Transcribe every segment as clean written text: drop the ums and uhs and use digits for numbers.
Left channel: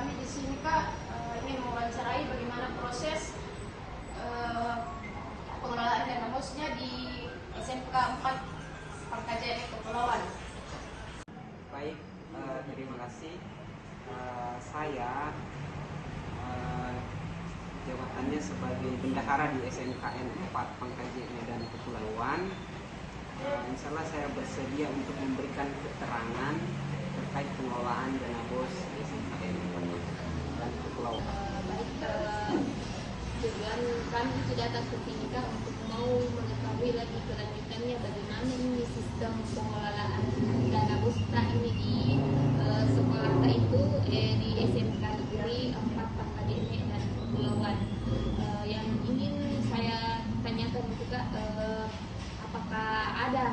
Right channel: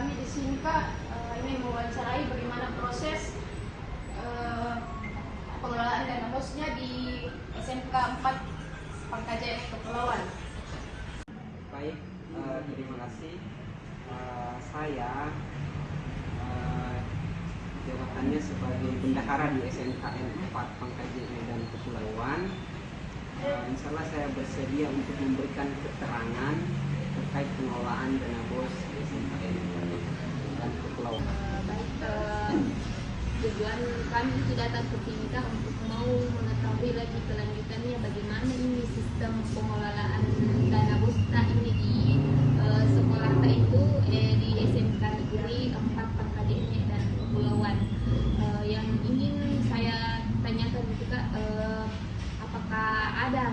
kami di sini Kak ini mewawancarai bagaimana proses pengelolaan dana bosnya di SMK 4 Pangkajaya Kepulauan. Baik, terima kasih. Saya jabatannya sebagai bendahara di SMKN 4 Pangkajaya Medan Kepulauan. Insya Allah saya bersedia untuk memberikan keterangan terkait pengelolaan dana bos di SMKN 4 Medan Kepulauan. Tujuan kami tidak datang ke sini untuk mau mengetahui lagi kelanjutannya bagaimana ini sistem pengelolaan dana bos ini di sekolah itu di SMK Negeri 4 Pangkajaya Medan Kepulauan. Yang ingin saya tanyakan itu Kak, apakah ada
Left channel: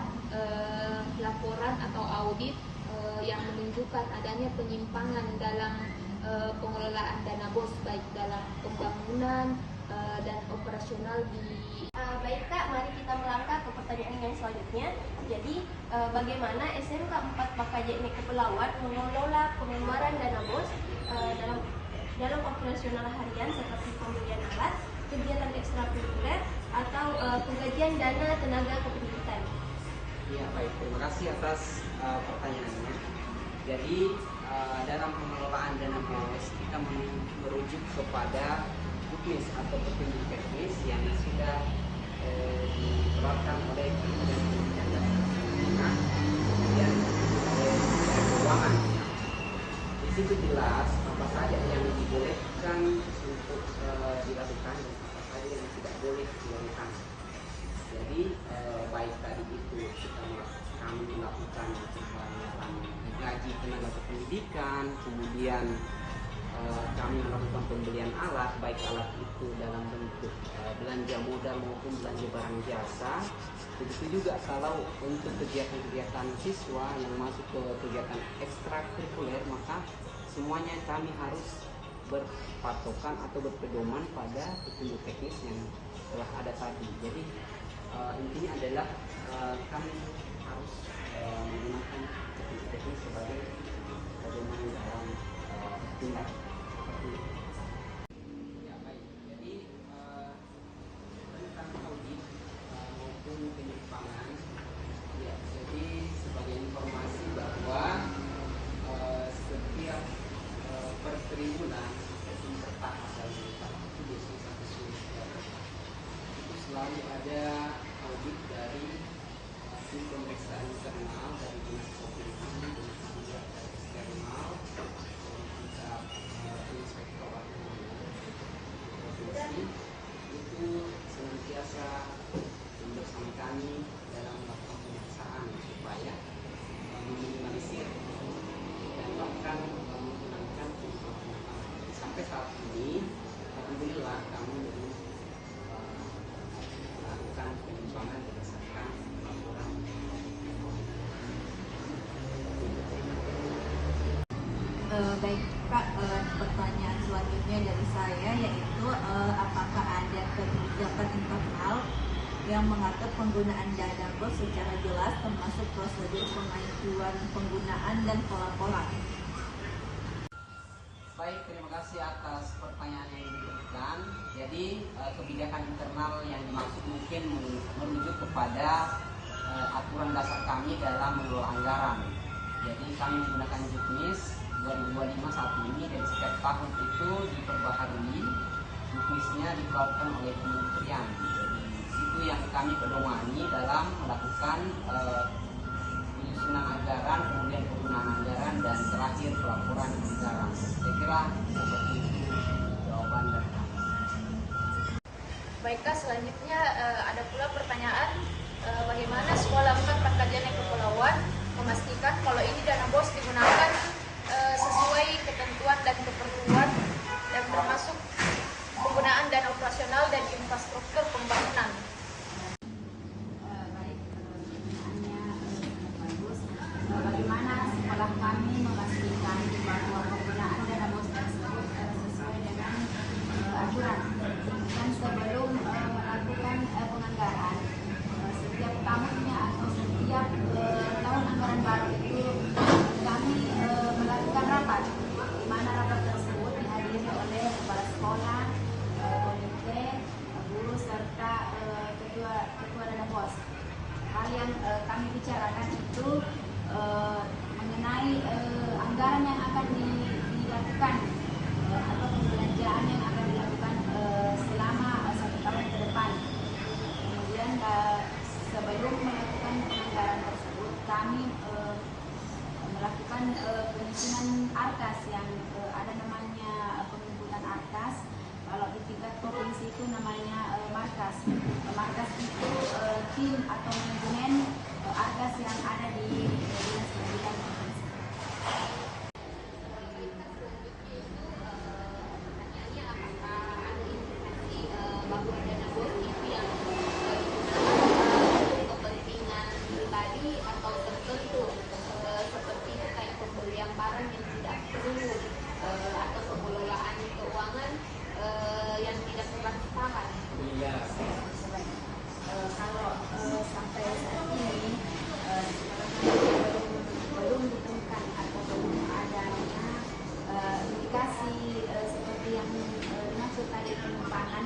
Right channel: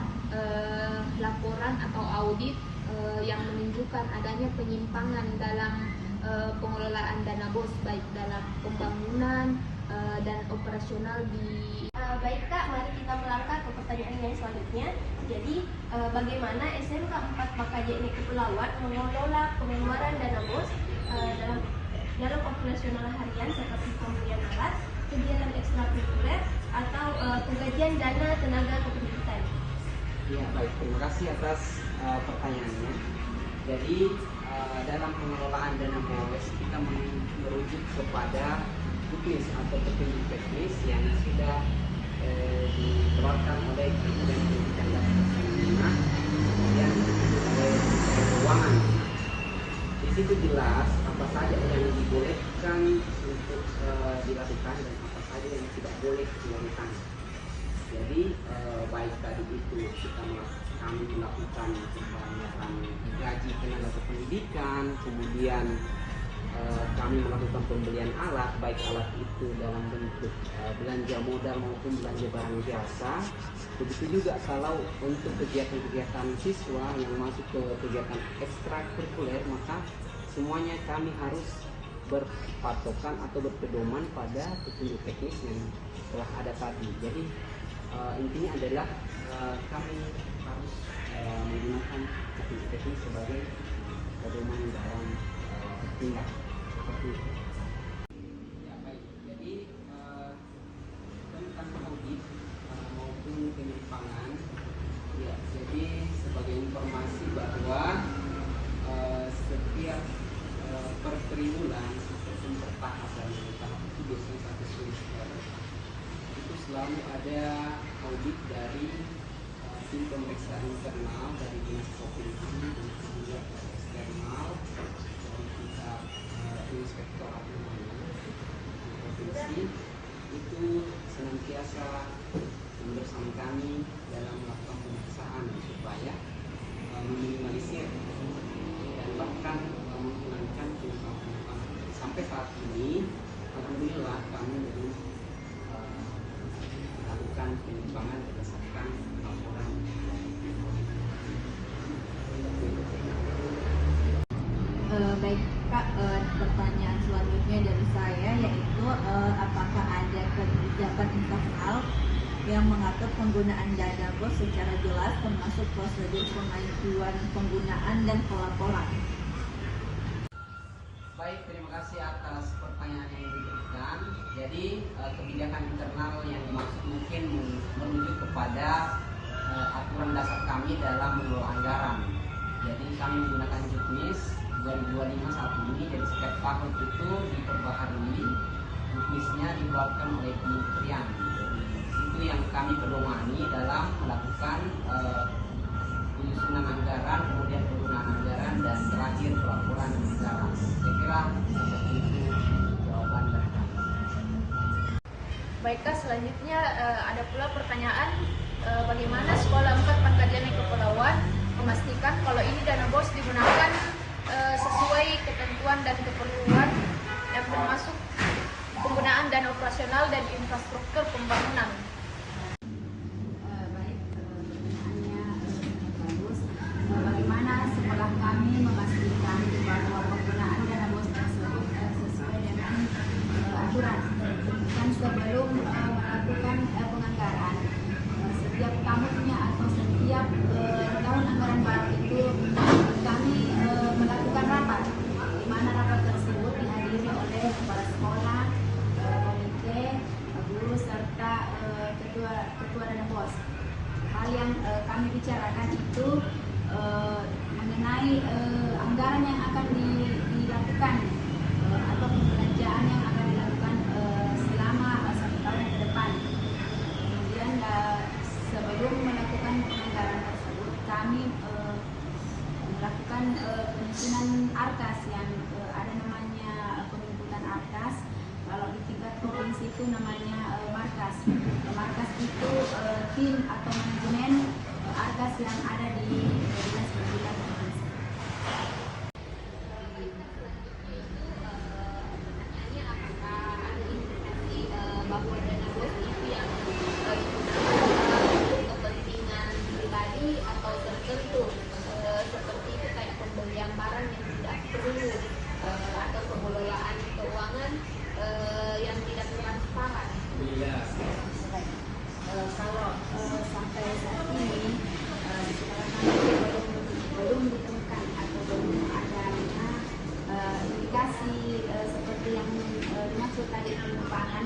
laporan atau audit yang menunjukkan adanya penyimpangan dalam pengelolaan dana bos baik dalam pembangunan dan operasional di Baik Kak, mari kita melangkah ke pertanyaan yang selanjutnya. Jadi, bagaimana SMK 4 Pangkajaya Kepulauan mengelola pengeluaran dana bos dalam operasional harian seperti pembelian alat, kegiatan ekstrakurikuler atau penggajian dana tenaga kependidikan? Ya baik, terima kasih atas pertanyaannya. Jadi dalam pengelolaan dana bos kita merujuk kepada juknis atau petunjuk teknis yang sudah dikeluarkan oleh Kementerian Pendidikan dan Kebudayaan, kemudian oleh Kementerian Keuangan. Di situ jelas apa saja yang dibolehkan untuk dilakukan dan apa saja yang tidak boleh dilakukan. Jadi baik tadi itu kami melakukan penghematan gaji tenaga kependidikan, kemudian kami melakukan pembelian alat, baik alat itu dalam bentuk belanja modal maupun belanja barang jasa. Begitu juga kalau untuk kegiatan-kegiatan siswa yang masuk ke kegiatan ekstrakurikuler, maka semuanya kami harus berpatokan atau berpedoman pada petunjuk teknis yang telah ada tadi. Jadi intinya adalah kami harus menggunakan petunjuk teknis sebagai pedoman dalam bertindak seperti itu. Ya baik, jadi tentang audit maupun penyimpangan, ya jadi sebagai informasi bahwa setiap per triwulan ataupun per tahap dalam tahap itu biasanya satu semester itu selalu ada audit dari tim pemeriksaan internal dari dinas provinsi dan juga eksternal dari pihak inspektorat namanya di provinsi itu senantiasa bersama kami dalam melakukan pemeriksaan supaya meminimalisir dan bahkan menghilangkan penyimpangan. Sampai saat ini alhamdulillah kami belum melakukan penyimpangan berdasarkan laporan. Baik Kak, pertanyaan selanjutnya dari saya yaitu apakah ada kebijakan internal yang mengatur penggunaan dana bos secara jelas termasuk prosedur pengajuan penggunaan dan pelaporan? Baik, terima kasih atas pertanyaan yang diberikan. Jadi kebijakan internal yang dimaksud mungkin merujuk kepada aturan dasar kami dalam mengelola anggaran. Jadi kami menggunakan juknis 2025 saat ini dan setiap tahun itu diperbaharui, juknisnya dikeluarkan oleh kementerian. Jadi itu yang kami pedomani dalam melakukan penyusunan anggaran, kemudian penggunaan anggaran dan terakhir pelaporan anggaran. Saya kira seperti itu jawaban dari kami. Baik Kak, selanjutnya ada pula pertanyaan bagaimana Sekolah 4 Pangkajaya Kepulauan memastikan kalau ini dana bos digunakan sesuai ketentuan dan keperluan dan termasuk penggunaan dana operasional dan infrastruktur pembangunan. Baik, pertanyaannya bagus. Bagaimana sekolah kami memastikan bahwa penggunaan dana bos tersebut sesuai dengan aturan dan sebelum melakukan penganggaran setiap tahunnya atau setiap tahun anggaran baru itu kami melakukan rapat, di mana rapat tersebut pimpinan Arkas yang ada namanya pemimpinan Arkas. Kalau di tingkat provinsi itu namanya Markas. Markas itu tim atau manajemen Arkas yang ada di dinas pendidikan provinsi. Pertanyaannya apakah ada informasi bahwa dana bos itu yang digunakan untuk kepentingan pribadi atau tertentu seperti terkait pembelian barang yang tidak perlu atau pengelolaan keuangan yang tidak transparan. Kalau sampai saat ini di sekolah kami belum ditemukan atau belum adanya indikasi seperti yang dimaksud tadi penyimpangan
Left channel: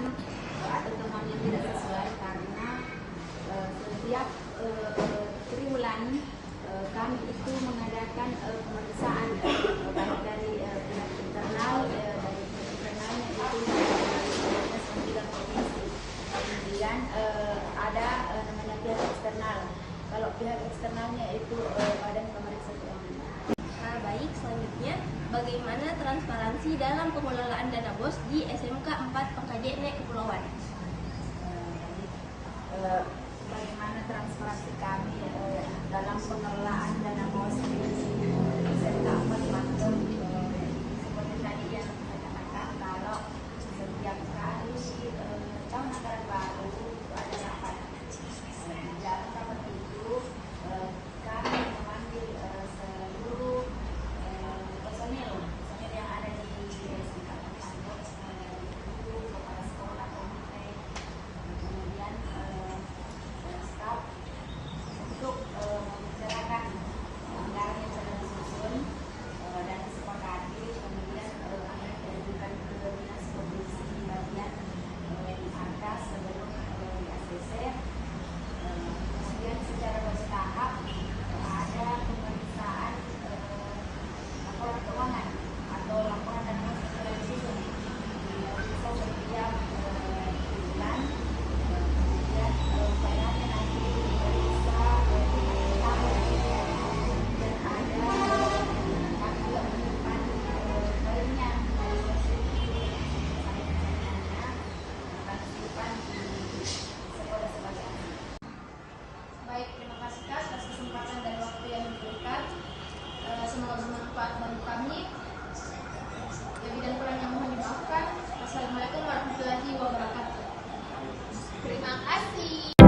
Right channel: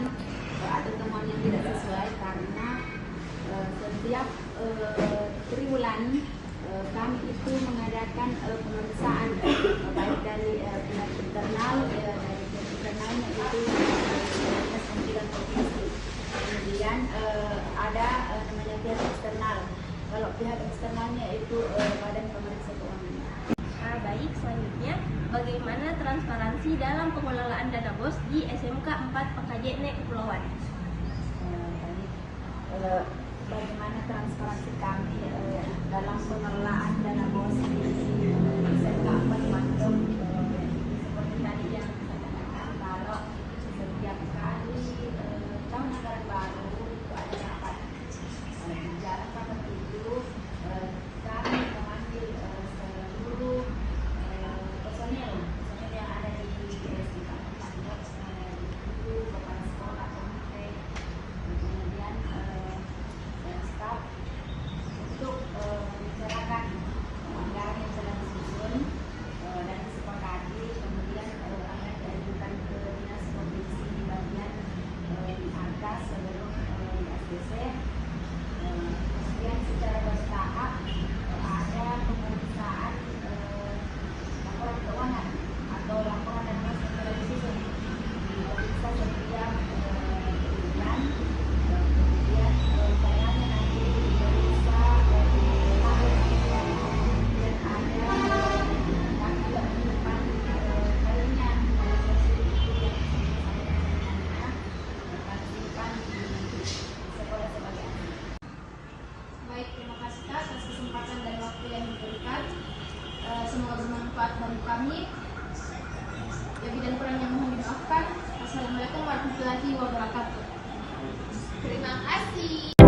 atau temuan yang tidak sesuai, karena setiap triwulan kami itu mengadakan pemeriksaan baik dari pihak internal, dari pihak internalnya itu yang dinas pendidikan provinsi. Kemudian ada namanya pihak eksternal. Kalau pihak eksternalnya itu Badan Pemeriksa Keuangan. Baik, selanjutnya bagaimana transparansi dalam pengelolaan dana BOS di SMK 4 Pekajene Kepulauan? Bagaimana transparansi kami dalam pengelolaan dana BOS di SMK 4 Pangkep. Seperti tadi yang saya katakan, kalau setiap kali tahun anggaran baru itu ada rapat rapat itu kami memanggil seluruh personil yang ada di SMK 4 Pangkep, guru, kepala sekolah, komite, kemudian staf untuk membicarakan anggaran yang telah disusun dan disepakati, kemudian akan diajukan ke dinas provinsi di bagian Arkas sebelum di ACC. Kemudian secara bertahap ada pemeriksaan laporan keuangan atau laporan dana bos yang telah disusun diperiksa setiap bulan. Kemudian sayangnya nanti diperiksa tahun, kemudian ada kami juga menyimpan filenya dari versi itu yang saya pertanyaannya akan disimpan di sekolah sebagai arsip. Baik, terima kasih Kak atas kesempatan dan waktu yang diberikan. Semoga bermanfaat bagi kami. Lebih dan kurangnya mohon dimaafkan. Wassalamualaikum warahmatullahi wabarakatuh. Terima kasih.